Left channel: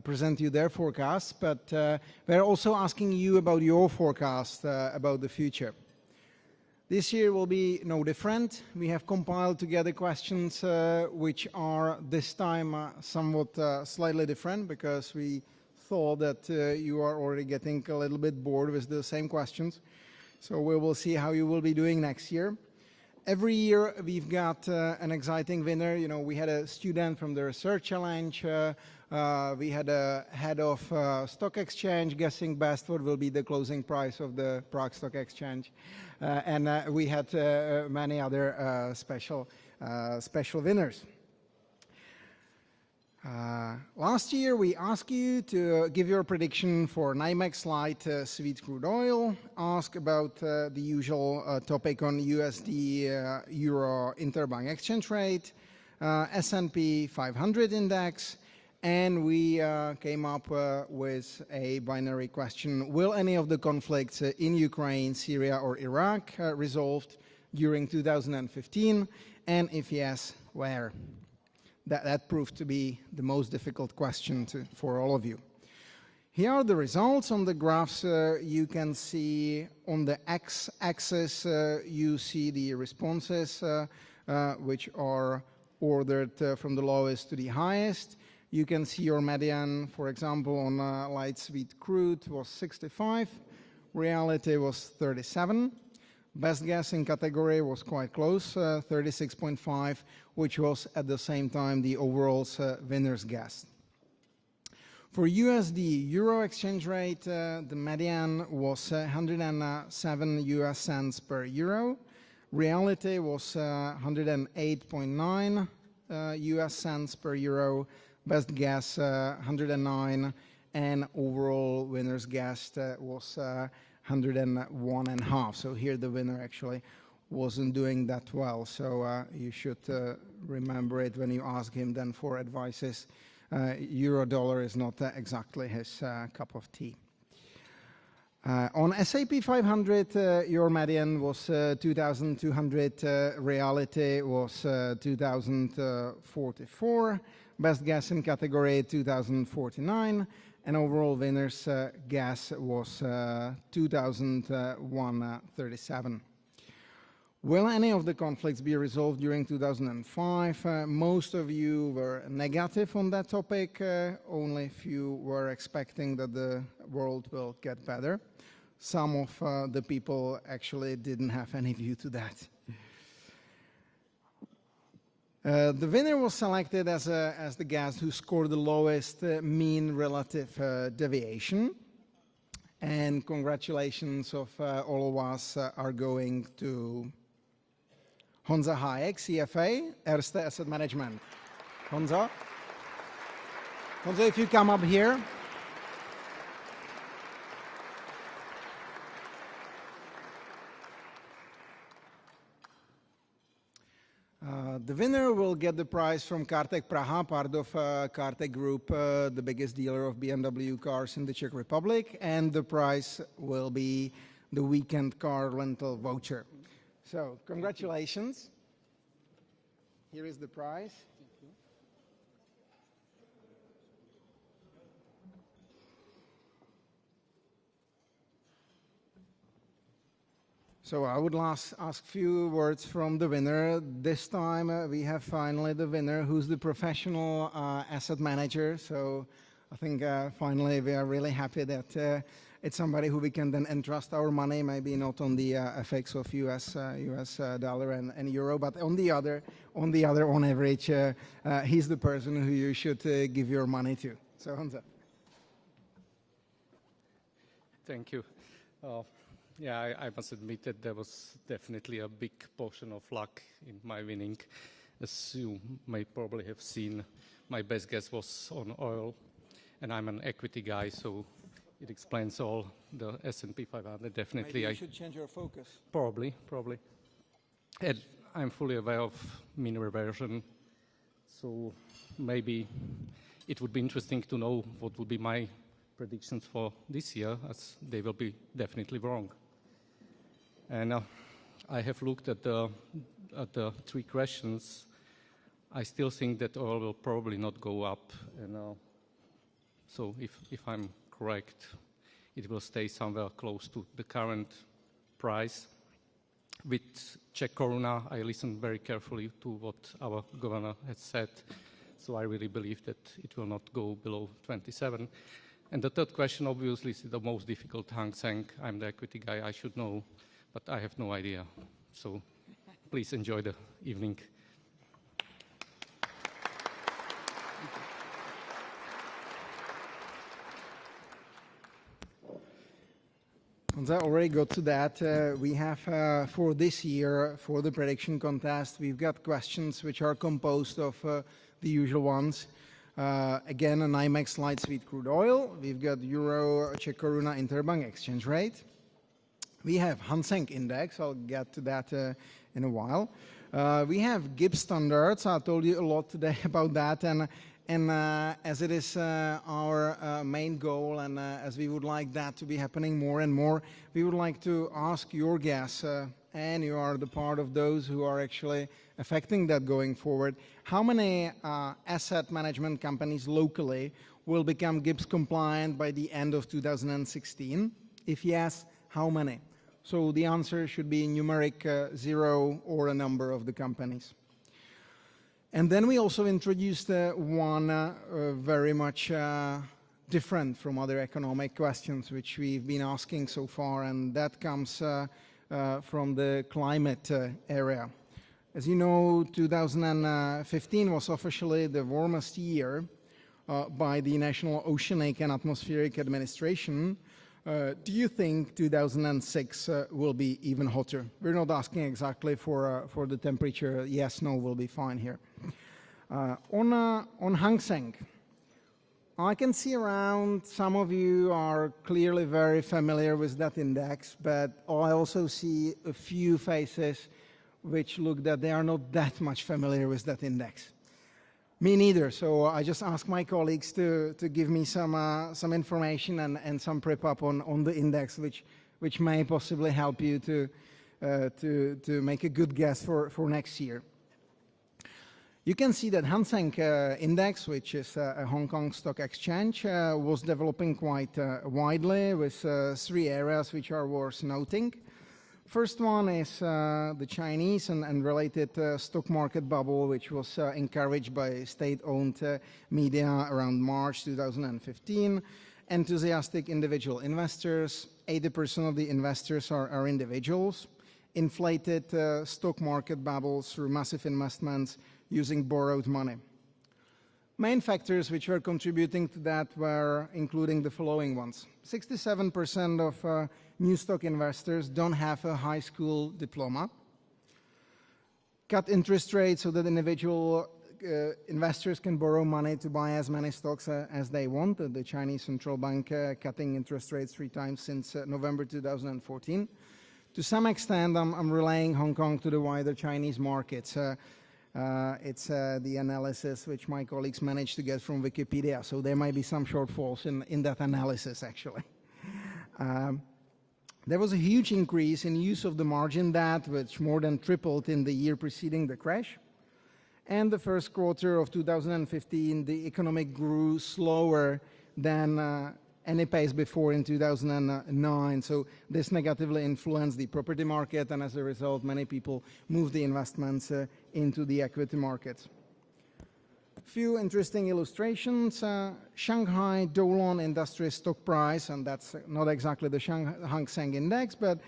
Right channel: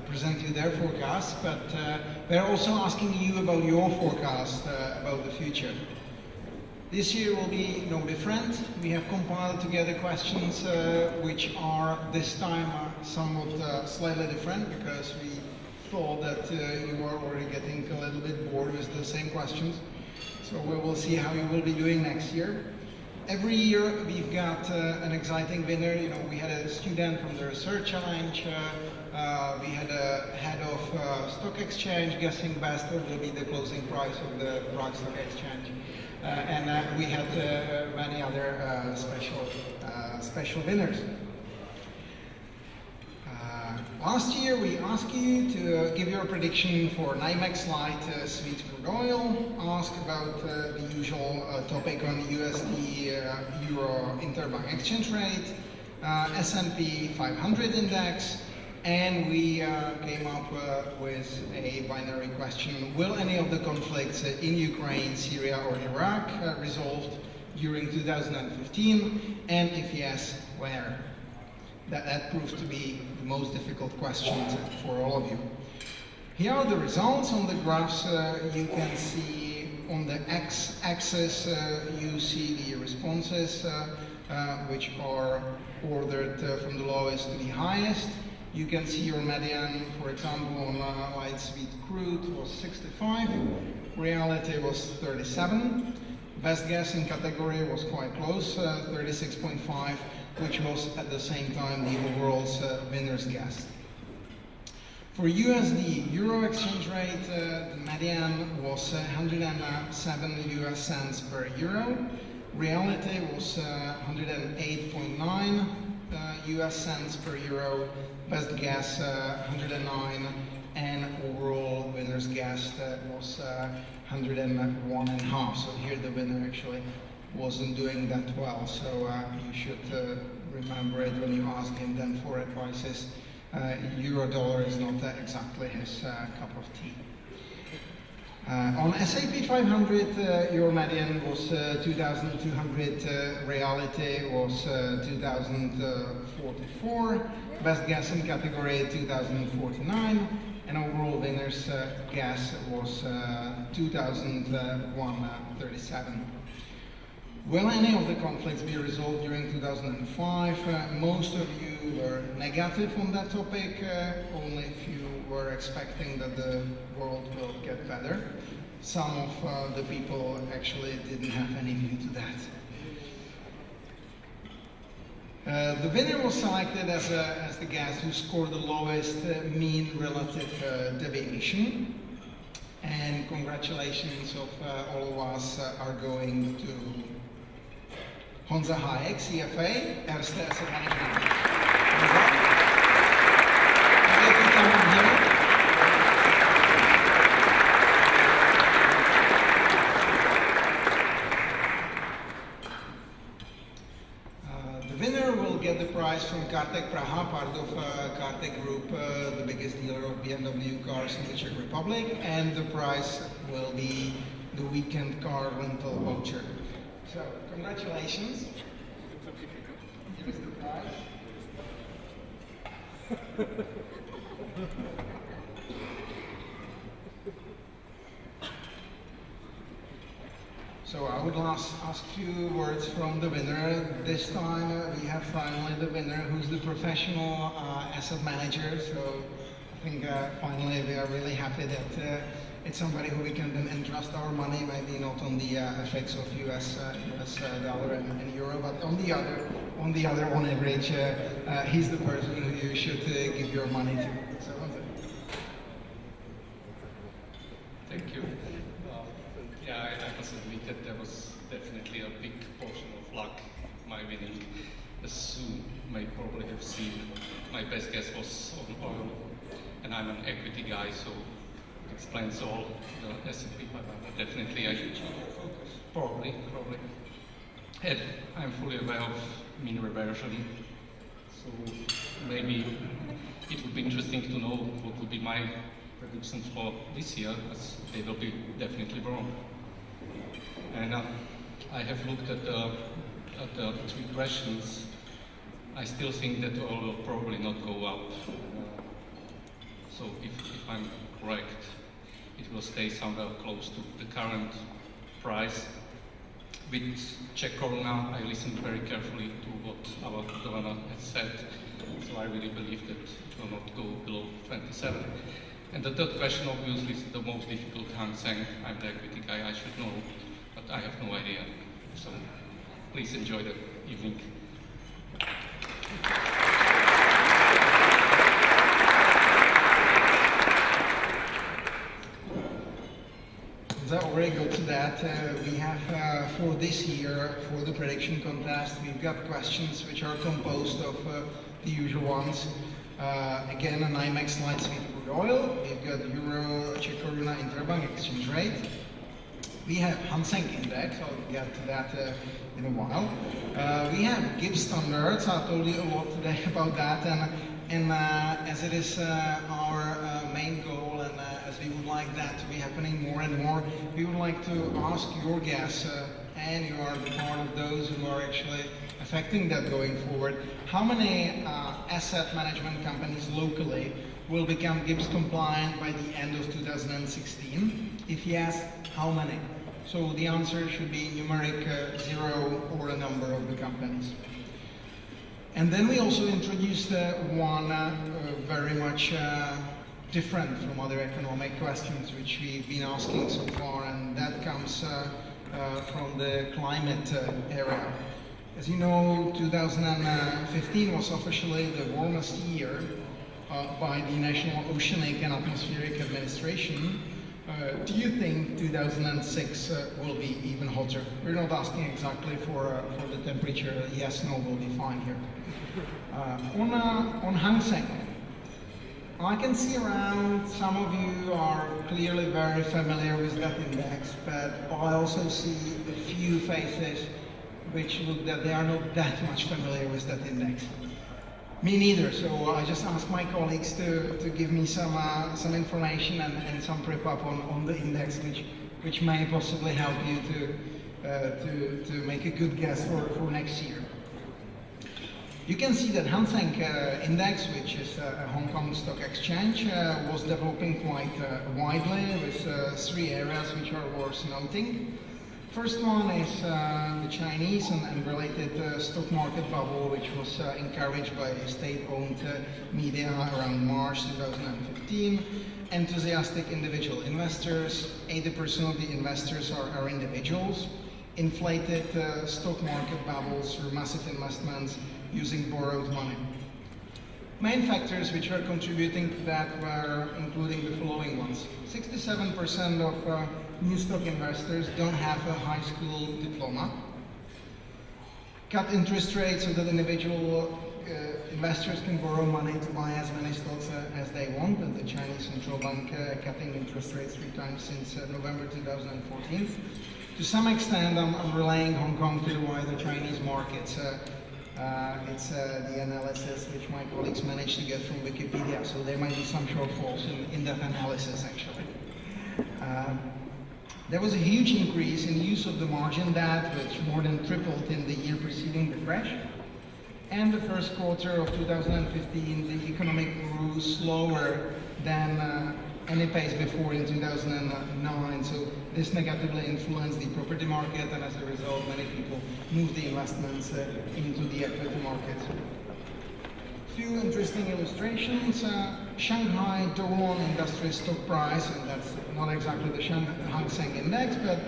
present you their forecast, but they're also asking you about your forecast about the future. This year will be no different. We have compiled together questions which are this time somewhat slightly different, because we thought that you are already getting a little bit bored with the same questions. So we will see how you will be doing next year. Every year we've got an exciting winner. You know, we had a student from the Research Challenge. We had a head of stock exchange guessing best what will be the closing price of the Prague Stock Exchange. And we had many other special winners. Last year we asked you to give your prediction for NYMEX light sweet crude oil, ask about the usual topic on USD Euro interbank exchange rate, S&P 500 index, and we came up with a binary question: will any of the conflicts in Ukraine, Syria or Iraq resolved during 2015, and if yes, where? That proved to be the most difficult question for all of you. Here are the results on the graphs. You can see on the x-axis you see the responses which are ordered from the lowest to the highest. You can see your median, for example, on light sweet crude was 65, reality was 37. Best guess in category was quite close, 36.5, which was at the same time the overall winner's guess. For USD Euro exchange rate, the median was 107 US cents per euro. Reality was 108.9 US cents per euro. Best guess 109, and overall winner's guess was 101.5. So here the winner actually wasn't doing that well, so you should remember it when you ask him then for advices. Euro dollar is not exactly his cup of tea. On S&P 500, your median was 2,200, reality was 2,044, best guess in category 2,049, and overall winner's guess was 2,137. Will any of the conflicts be resolved during 2005? Most of you were negative on that topic. Only if you were expecting that the world will get better. Some of the people actually didn't have any view to that. The winner was selected as the guest who scored the lowest mean relative deviation. And congratulations of all of us are going to Honza Hayek, CFA, Erste Asset Management. Honza, if you come up here. The winner will get the prize from Kartek Praha, part of Kartek Group, the biggest dealer of BMW cars in the Czech Republic, and the prize will be the weekend car rental voucher. So, congratulations. Here is the prize. So I would ask a few words from the winner. This time we have finally the winner who's the professional asset manager. So I think finally we are really happy that it's somebody who we can then entrust our money, maybe not on the effects of US dollar and euro, but on the other, on average, he's the person who you should give your money to. So, thank you. Yeah, I must admit that there was definitely a big portion of luck in my winning. As you may probably have seen, my best guess was on oil, and I'm an equity guy, so it explains all. The S&P 500 definitely. You should change your focus. Probably. And I'm fully aware of mean reversion, so maybe it would be interesting to know what would be my predictions for this year, as they will be definitely wrong. And I have looked at the three questions. I still think that oil will probably not go up. So if I'm correct, it will stay somewhere close to the current price. With Czech koruna, I listened very carefully to what our governor has said, so I really believe that it will not go below 27. And the third question, obviously, is the most difficult. Hang Seng. I'm the equity guy, I should know, but I have no idea. So please enjoy the evening. Since I already got to that, we have for this year, for the prediction contest, we've got questions which are composed of the usual ones. Again, an IMEX light sweet crude oil. We've got Euro, Czech koruna, interbank exchange rate. We have Hang Seng index. I'll get to that in a while. We have Gibbs standards. I told you a lot today about that, and as it is our main goal, and as we would like that to be happening more and more, we would like to ask your guess, and you are the part of those who are actually affecting that going forward. How many asset management companies locally will become Gibbs compliant by the end of 2016? If yes, how many? So the answer should be numeric 0 or a number of the companies. And then we also introduced one very much different from other economic questions which we've been asking so far, and that comes from the climate area. As you know, 2015 was officially the warmest year by the National Oceanic and Atmospheric Administration. Do you think 2006 will be even hotter? We're not asking exactly for the temperature. Yes, no, will be fine here. On Hang Seng, I can see around some of you are clearly very familiar with that index, but I also see a few faces which look that they are not that much familiar with that index. Me neither, so I just asked my colleagues to give me some information and some prep up on the index, which may possibly help you to make a good guess for next year. You can see that Hang Seng index, which is a Hong Kong stock exchange, was developing quite widely with 3 areas which are worth noting. First one is the Chinese and related stock market bubble, which was encouraged by state-owned media around March 2015. Enthusiastic individual investors, 80% of the investors are individuals. Inflated stock market bubbles through massive investments using borrowed money. Main factors which are contributing to that were including the following ones. 67% of new stock investors don't have a high school diploma. Cut interest rates so that individual investors can borrow money to buy as many stocks as they want. The Chinese central bank cutting interest rates 3 times since November 2014. To some extent, I'm relaying Hong Kong to the wider Chinese markets. It's the analysis which my colleagues managed to get from Wikipedia, so there might be some shortfalls in that analysis actually. There was a huge increase in the use of the margin debt, which more than tripled in the year preceding the crash. And the first quarter of 2015, the economy grew slower than any pace before in 2009. So this negatively influenced the property market, and as a result, many people moved the investments into the equity market. Few interesting illustrations. Shanghai Doulan Industry Stock Price, and that's not exactly the Hang Seng Index, but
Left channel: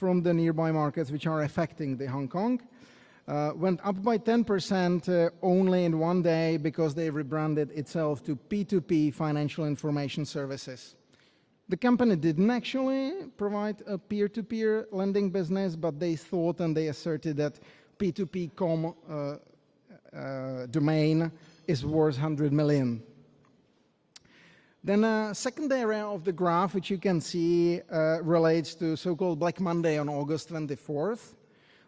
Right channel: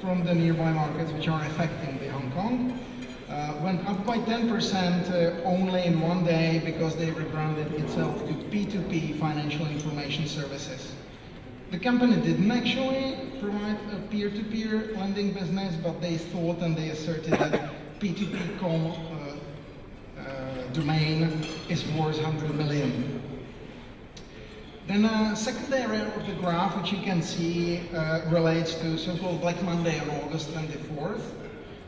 from the nearby markets which are affecting the Hong Kong, went up by 10% only in one day because they rebranded itself to P2P Financial Information Services. The company didn't actually provide a peer-to-peer lending business, but they thought and they asserted that P2P.com domain is worth 100 million. Then a second area of the graph, which you can see, relates to so-called Black Monday on August 24th.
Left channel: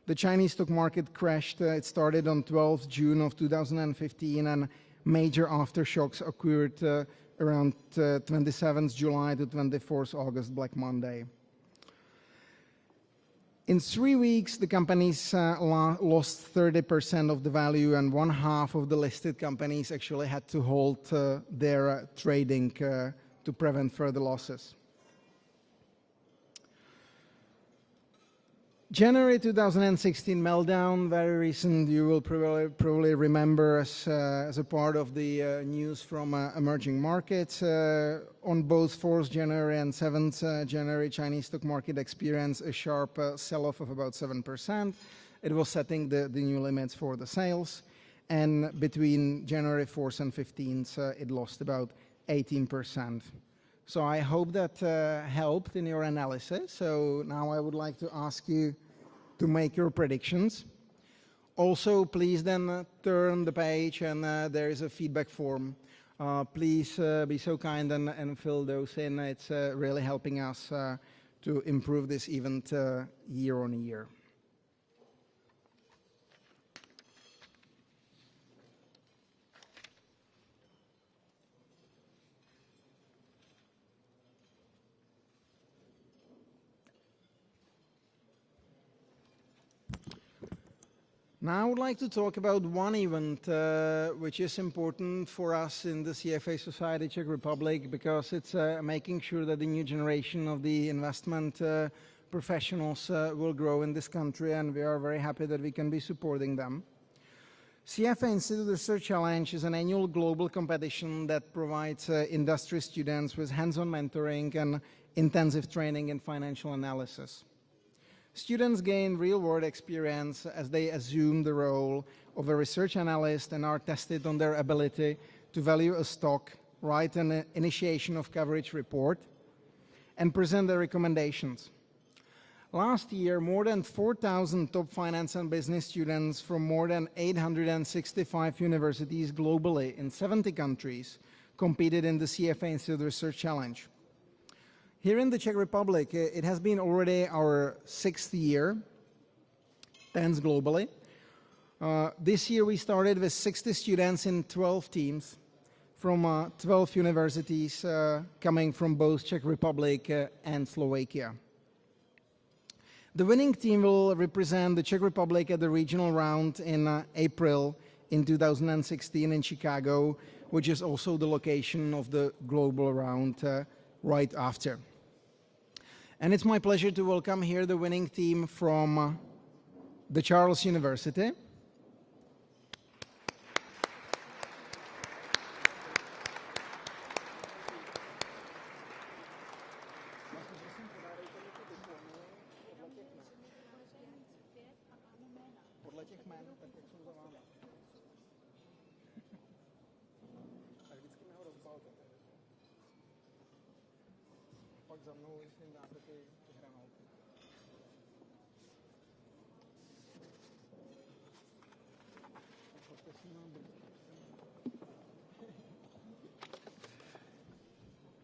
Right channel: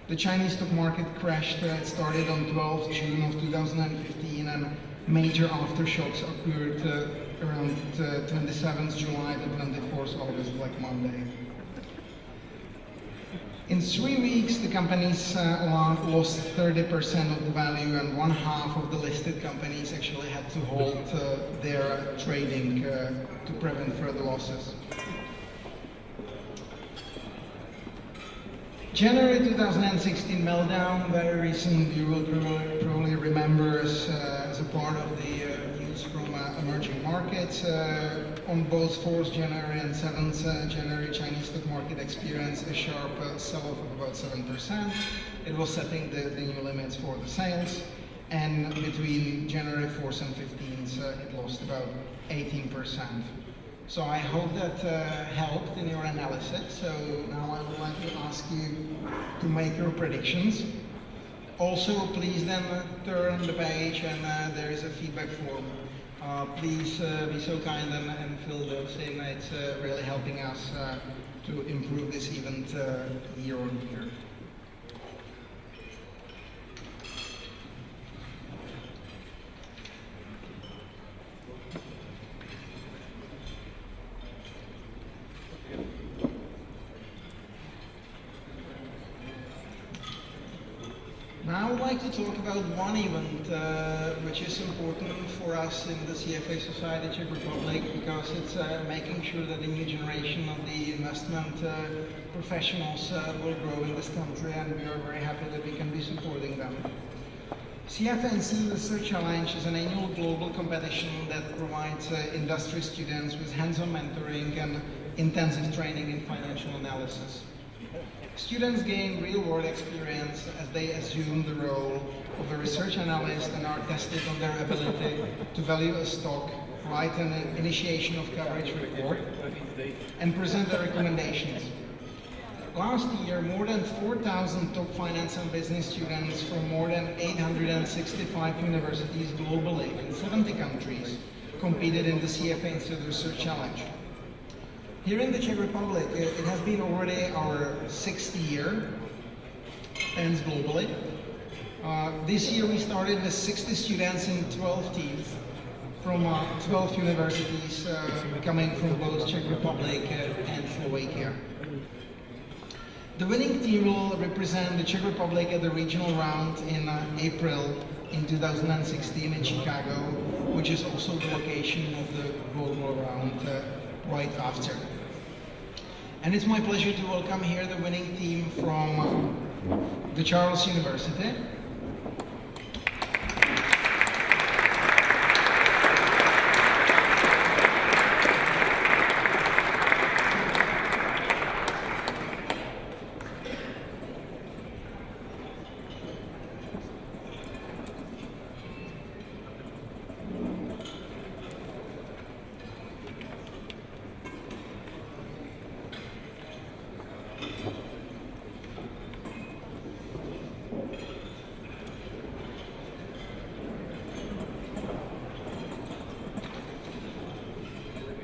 The Chinese stock market crashed. It started on 12th June of 2015, and major aftershocks occurred around 27th July to 24th August, Black Monday. In 3 weeks, the companies lost 30% of the value, and 1/2 of the listed companies actually had to halt their trading to prevent further losses. January 2016 meltdown, very recent. You will probably remember as a part of the news from emerging markets. On both 4th January and 7th January, Chinese stock market experienced a sharp sell-off of about 7%. It was setting the new limits for the sales, and between January 4th and 15th, it lost about 18%. So I hope that helped in your analysis. So now I would like to ask you to make your predictions. Also, please then turn the page, and there is a feedback form. Please be so kind and fill those in. It's really helping us to improve this event year on year. Now I would like to talk about one event which is important for us in the CFA Society Czech Republic, because it's making sure that the new generation of the investment professionals will grow in this country, and we are very happy that we can be supporting them. CFA Institute Research Challenge is an annual global competition that provides industry students with hands-on mentoring and intensive training in financial analysis. Students gain real-world experience as they assume the role of a research analyst and are tested on their ability to value a stock, write an initiation of coverage report, and present their recommendations. Last year, more than 4,000 top finance and business students from more than 865 universities globally in 70 countries competed in the CFA Institute Research Challenge. Here in the Czech Republic, it has been already our 6th year, 10th globally. This year we started with 60 students in 12 teams from 12 universities coming from both Czech Republic and Slovakia. The winning team will represent the Czech Republic at the regional round in April in 2016 in Chicago, which is also the location of the global round right after. And it's my pleasure to welcome here the winning team from the Charles University.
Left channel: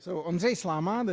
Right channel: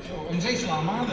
So Ondřej Sláma,